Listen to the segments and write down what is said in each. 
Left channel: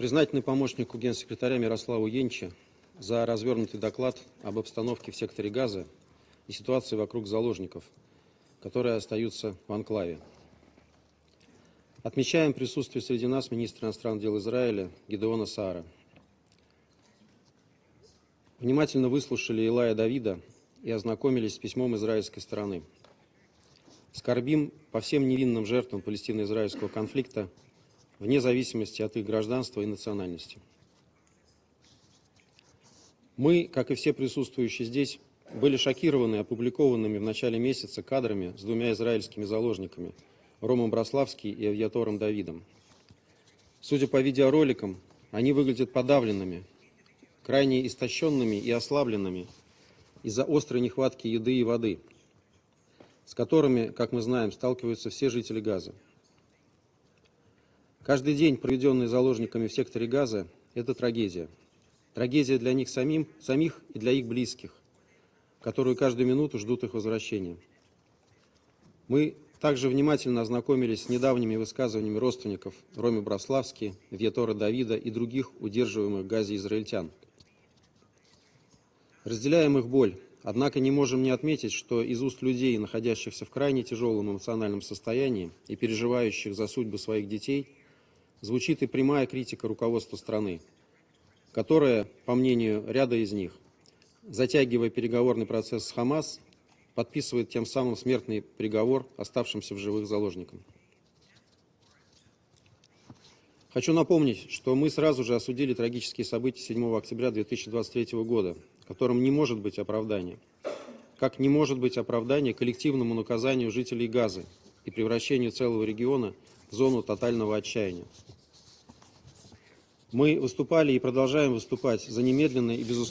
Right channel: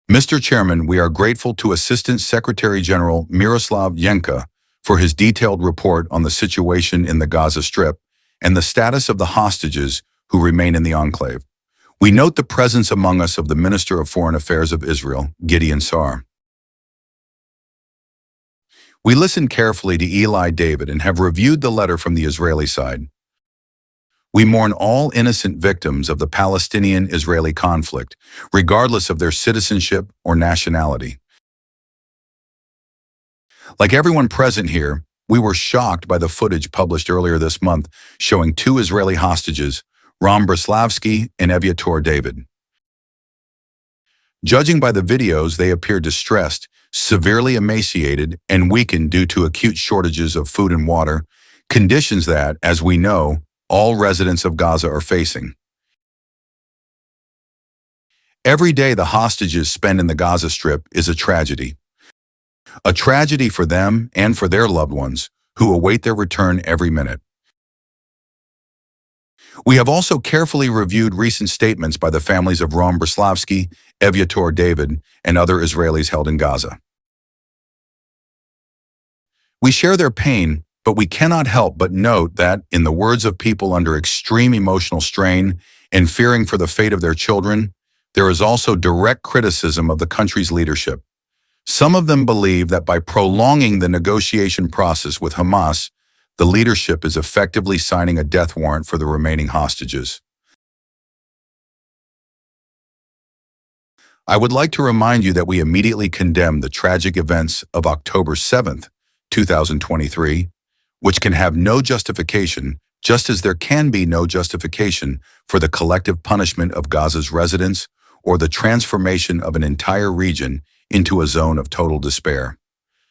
Mr. Chairman, we are grateful to Assistant Secretary General Miroslav Yenka for his detailed report on the situation in the Gaza Strip and the status of the hostages who remain in the enclave. We note the presence among us of the Minister of Foreign Affairs of Israel, Gideon Sa'ar. We listened carefully to Eli David and have reviewed the letter from the Israeli side. We mourn all innocent victims of the Palestinian-Israeli conflict, regardless of their citizenship or nationality. Like everyone present here, we were shocked by the footage published earlier this month showing two Israeli hostages, Ram Breslavsky and Eviator David. Judging by the videos, they appear distressed, severely emaciated, and weakened due to acute shortages of food and water, conditions that, as we know, all residents of Gaza are facing. Every day the hostages spend in the Gaza Strip is a tragedy for them and for their loved ones, who await their return every minute. We have also carefully reviewed recent statements by the families of Ram Breslavsky, Eviator David, and other Israelis held in Gaza. We share their pain, but we cannot help but note that, in the words of people under extreme emotional strain and fearing for the fate of their children, there is also direct criticism of the country's leadership. Some of them believe that by prolonging the negotiation process with Hamas, the leadership is effectively signing a death warrant for the remaining hostages. I would like to remind you that we immediately condemn the tragic events of October 7th, 2023, which can have no justification, just as there can be no justification for the collective punishment of Gaza's residents or the transformation of an entire region into a zone of total despair.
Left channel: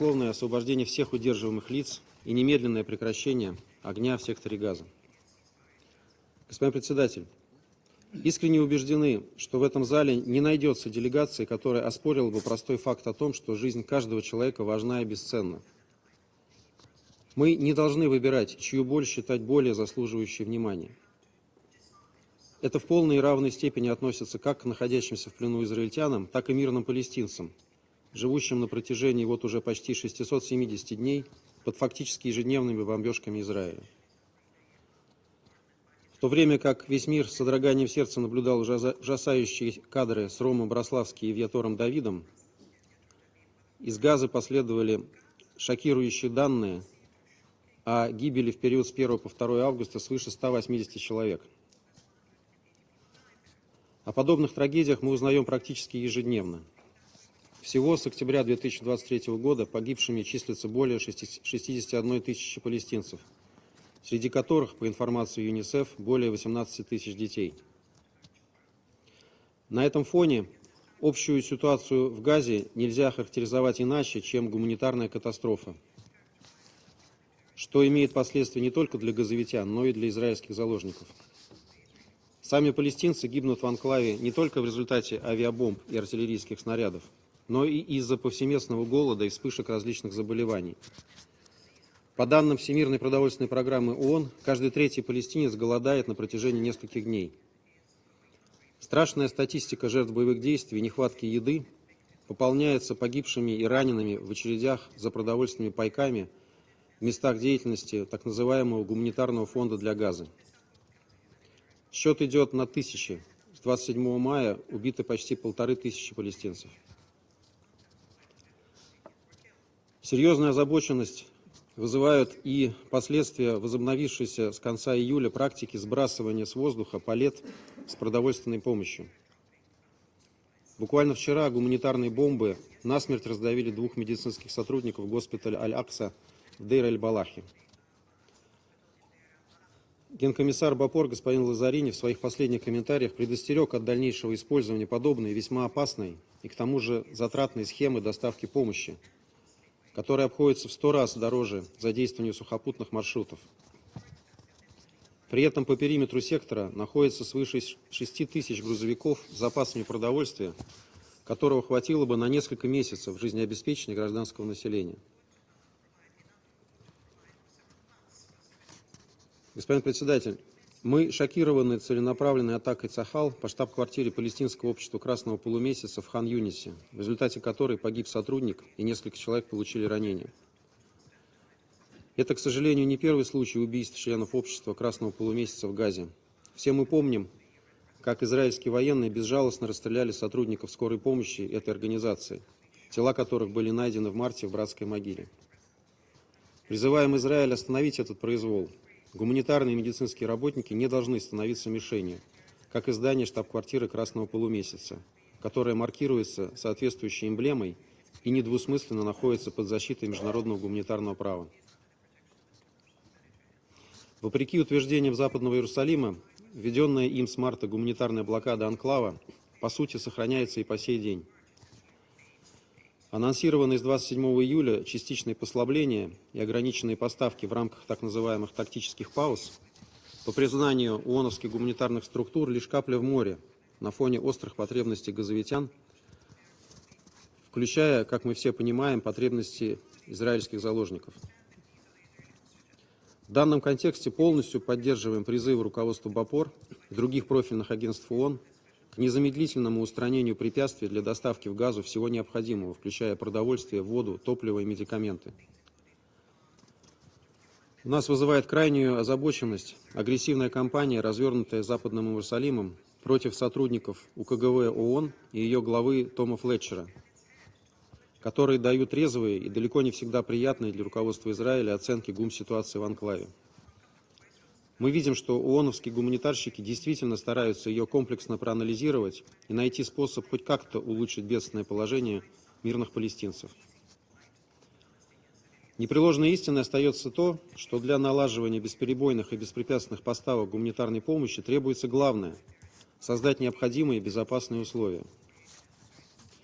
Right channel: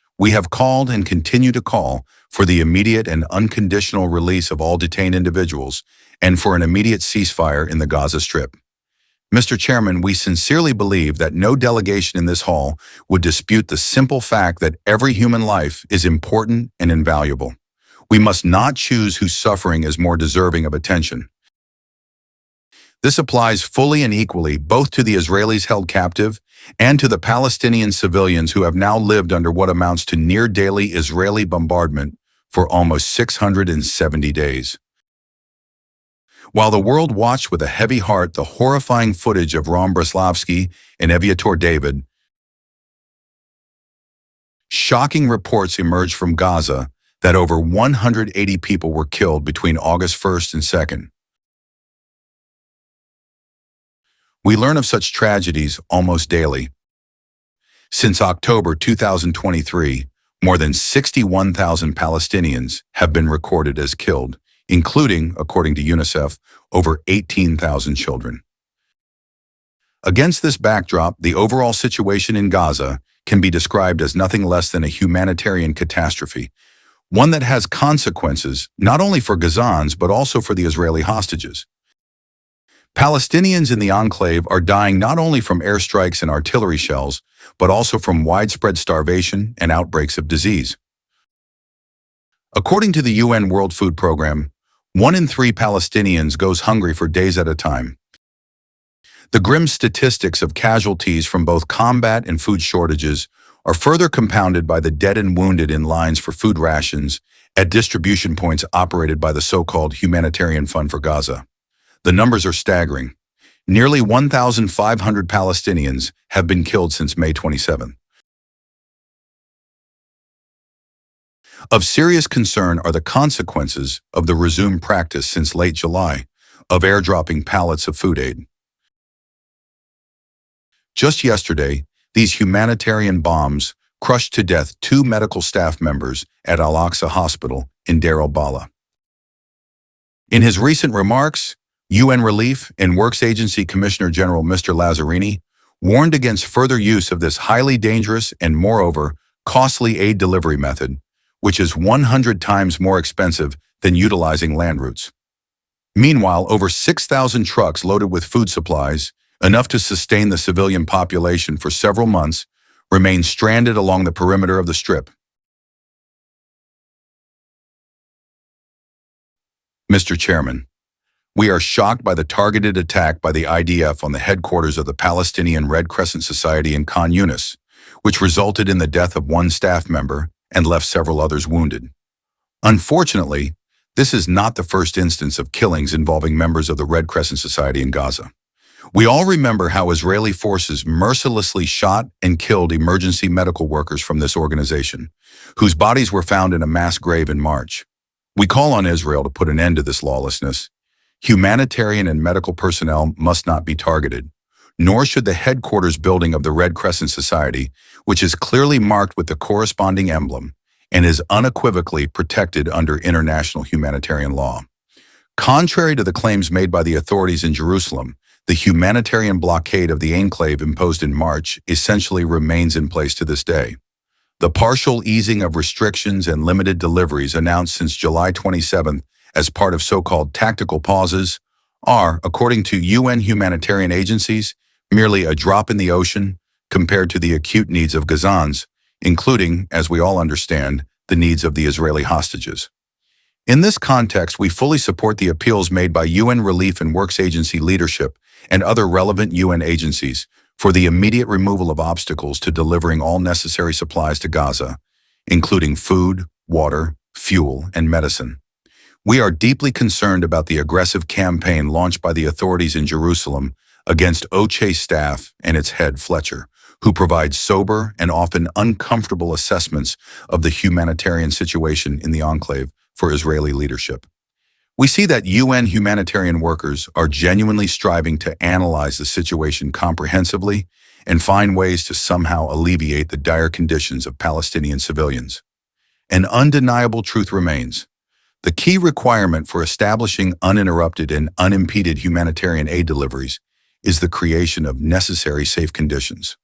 We have called and continue to call for the immediate and unconditional release of all detained individuals and for an immediate ceasefire in the Gaza Strip. Mr. Chairman, we sincerely believe that no delegation in this hall would dispute the simple fact that every human life is important and invaluable. We must not choose whose suffering is more deserving of attention. This applies fully and equally both to the Israelis held captive and to the Palestinian civilians who have now lived under what amounts to near daily Israeli bombardment for almost 670 days. While the world watched with a heavy heart the horrifying footage of Ram Breslavsky and Eviator David, shocking reports emerged from Gaza that over 180 people were killed between August 1st and 2nd. We learn of such tragedies almost daily. Since October 2023, more than 61,000 Palestinians have been recorded as killed, including, according to UNICEF, over 18,000 children. Against this backdrop, the overall situation in Gaza can be described as nothing less than a humanitarian catastrophe, one that has consequences not only for Gazans but also for the Israeli hostages. Palestinians in the enclave are dying not only from airstrikes and artillery shells, but also from widespread starvation and outbreaks of disease. According to the UN World Food Program, 1 in 3 Palestinians goes hungry for days at a time. The grim statistics of casualties from both combat and food shortages are further compounded by the dead and wounded in lines for food rations at distribution points operated by the so-called Humanitarian Fund for Gaza. The numbers are staggering. Nearly 1,500 Palestinians have been killed since May 27. Of serious concern are the consequences of the resumed practice since late July of airdropping pallets of food aid. Just yesterday, these humanitarian bombs crushed to death 2 medical staff members at Al-Aqsa Hospital in Deir al-Balah. In his recent remarks, UN Relief and Works Agency Commissioner General Mr. Lazzarini warned against further use of this highly dangerous and, moreover, costly aid delivery method, which is 100 times more expensive than utilizing land routes. Meanwhile, over 6,000 trucks loaded with food supplies, enough to sustain the civilian population for several months, remain stranded along the perimeter of the Strip. Mr. Chairman, we are shocked by the targeted attack by the IDF on the headquarters of the Palestinian Red Crescent Society in Khan Yunis, which resulted in the death of one staff member and left several others wounded. Unfortunately, this is not the first instance of killings involving members of the Red Crescent Society in Gaza. We all remember how Israeli forces mercilessly shot and killed emergency medical workers from this organization, whose bodies were found in a mass grave in March. We call on Israel to put an end to this lawlessness. Humanitarian and medical personnel must not be targeted, nor should the headquarters building of the Red Crescent Society, which is clearly marked with the corresponding emblem and is unequivocally protected under international humanitarian law. Contrary to the claims made by the authorities in Jerusalem, the humanitarian blockade of the enclave imposed in March essentially remains in place to this day. The partial easing of restrictions and limited deliveries announced since July 27th as part of so-called tactical pauses are, according to UN humanitarian agencies, merely a drop in the ocean compared to the acute needs of Gazans, including, as we all understand, the needs of the Israeli hostages. In this context, we fully support the appeals made by UN Relief and Works Agency leadership and other relevant UN agencies for the immediate removal of obstacles to delivering all necessary supplies to Gaza, including food, water, fuel, and medicine. We are deeply concerned about the aggressive campaign launched by the authorities in Jerusalem against OCHA staff and its head, Fletcher, who provides sober and often uncomfortable assessments of the humanitarian situation in the enclave for Israeli leadership. We see that UN humanitarian workers are genuinely striving to analyze the situation comprehensively and find ways to somehow alleviate the dire conditions of Palestinian civilians. An undeniable truth remains. The key requirement for establishing uninterrupted and unimpeded humanitarian aid deliveries is the creation of necessary safe conditions.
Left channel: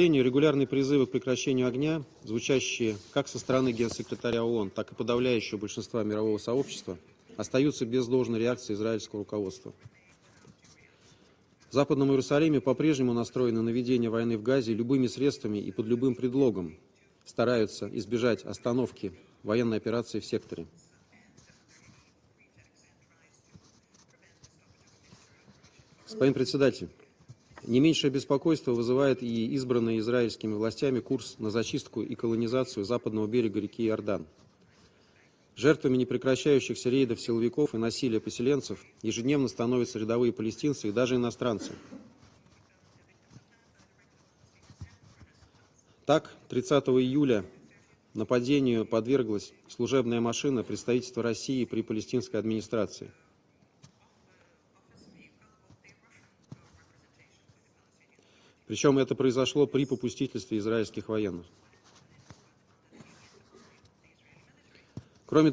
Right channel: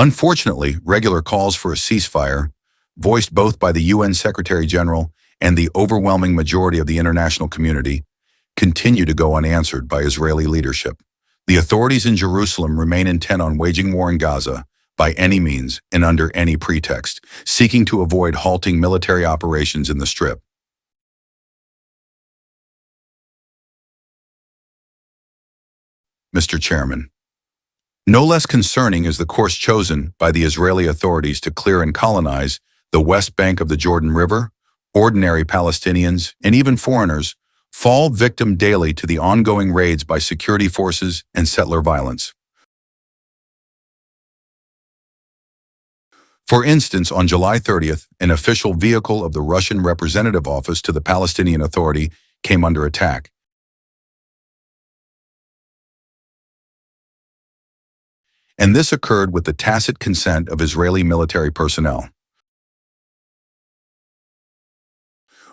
Unfortunately, regular calls for a ceasefire, voiced both by the UN Secretary General and the overwhelming majority of the international community, continue to go unanswered by Israeli leadership. The authorities in Jerusalem remain intent on waging war in Gaza by any means and under any pretext, seeking to avoid halting military operations in the Strip. Mr. Chairman, no less concerning is the course chosen by the Israeli authorities to clear and colonize the West Bank of the Jordan River. Ordinary Palestinians, and even foreigners, fall victim daily to the ongoing raids by security forces and settler violence. For instance, on July 30th, an official vehicle of the Russian representative office to the Palestinian Authority came under attack. And this occurred with the tacit consent of Israeli military personnel.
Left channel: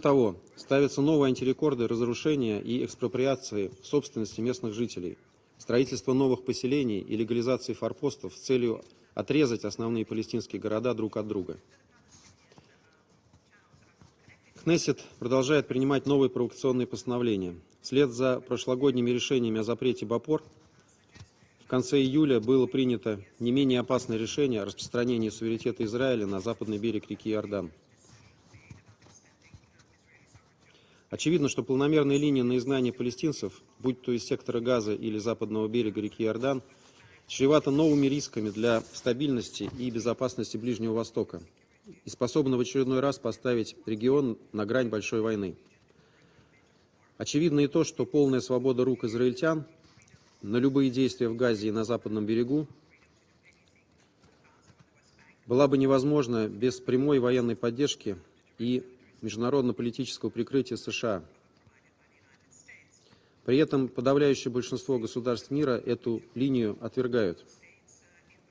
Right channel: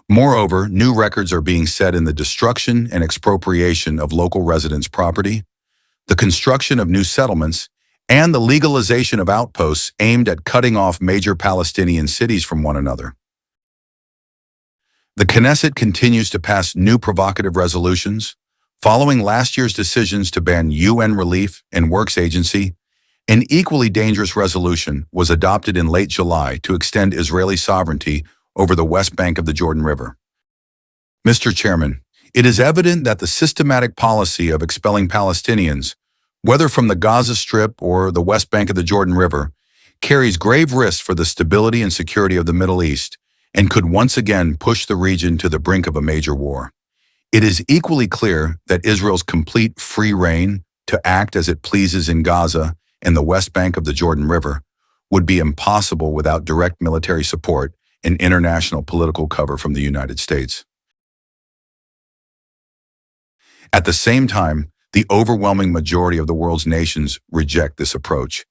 Moreover, new records are being set in the destruction and expropriation of local residents' property, the construction of new settlements, and the legalization of outposts aimed at cutting off major Palestinian cities from one another. The Knesset continues to pass new provocative resolutions. Following last year's decisions to ban UN Relief and Works Agency, an equally dangerous resolution was adopted in late July to extend Israeli sovereignty over the West Bank of the Jordan River. Mr. Chairman, it is evident that the systematic policy of expelling Palestinians, whether from the Gaza Strip or the West Bank of the Jordan River, carries grave risks for the stability and security of the Middle East and could once again push the region to the brink of a major war. It is equally clear that Israel's complete free reign to act as it pleases in Gaza and the West Bank of the Jordan River would be impossible without direct military support and international political cover from the United States. At the same time, the overwhelming majority of the world's nations reject this approach.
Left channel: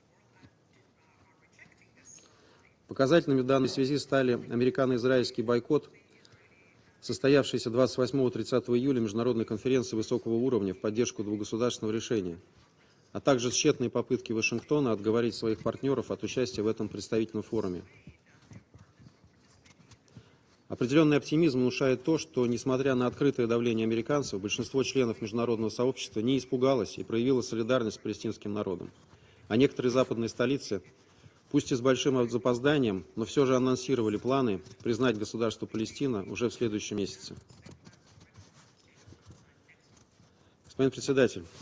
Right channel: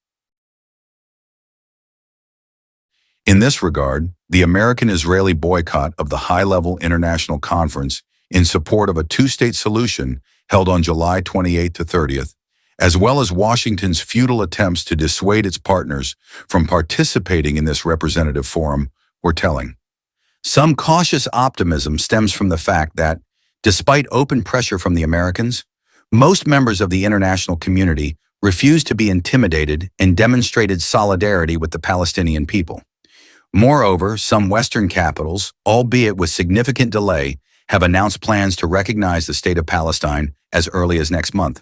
In this regard, the American-Israeli boycott of the high-level international conference in support of a two-state solution held on July 28th to 30th, as well as Washington's futile attempts to dissuade its partners from participating in this representative forum, were telling. Some cautious optimism stems from the fact that, despite open pressure from the Americans, most members of the international community refused to be intimidated and demonstrated solidarity with the Palestinian people. Moreover, some Western capitals, albeit with significant delay, have announced plans to recognize the state of Palestine as early as next month.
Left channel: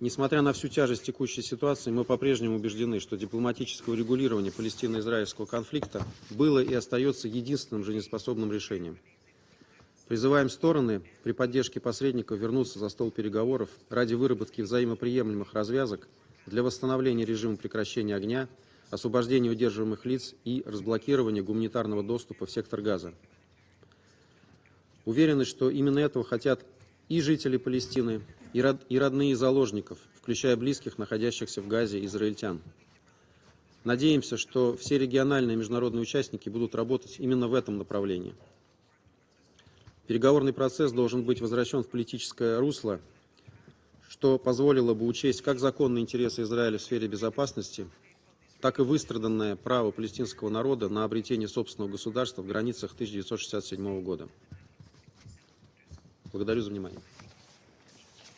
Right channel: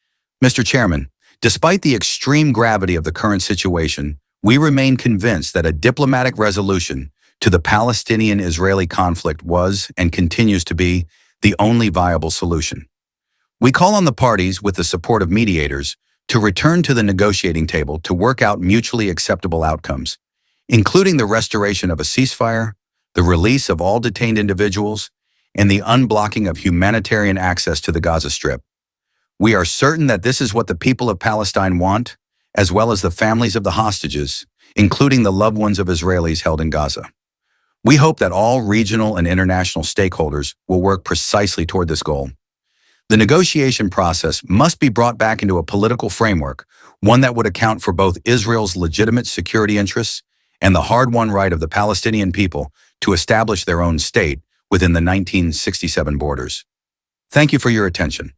Mr. Chairman, despite the extreme gravity of the current situation, we remain convinced that a diplomatic resolution to the Palestinian-Israeli conflict was and continues to be the only viable solution. We call on the parties, with the support of mediators, to return to the negotiating table to work out mutually acceptable outcomes, including the restoration of a ceasefire, the release of all detained individuals, and the unblocking of humanitarian access to the Gaza Strip. We are certain that this is what the people of Palestine want, as well as the families of the hostages, including the loved ones of Israelis held in Gaza. We hope that all regional and international stakeholders will work precisely toward this goal. The negotiation process must be brought back into a political framework, one that would account for both Israel's legitimate security interests and the hard-won right of the Palestinian people to establish their own state within the 1967 borders. Thank you for your attention.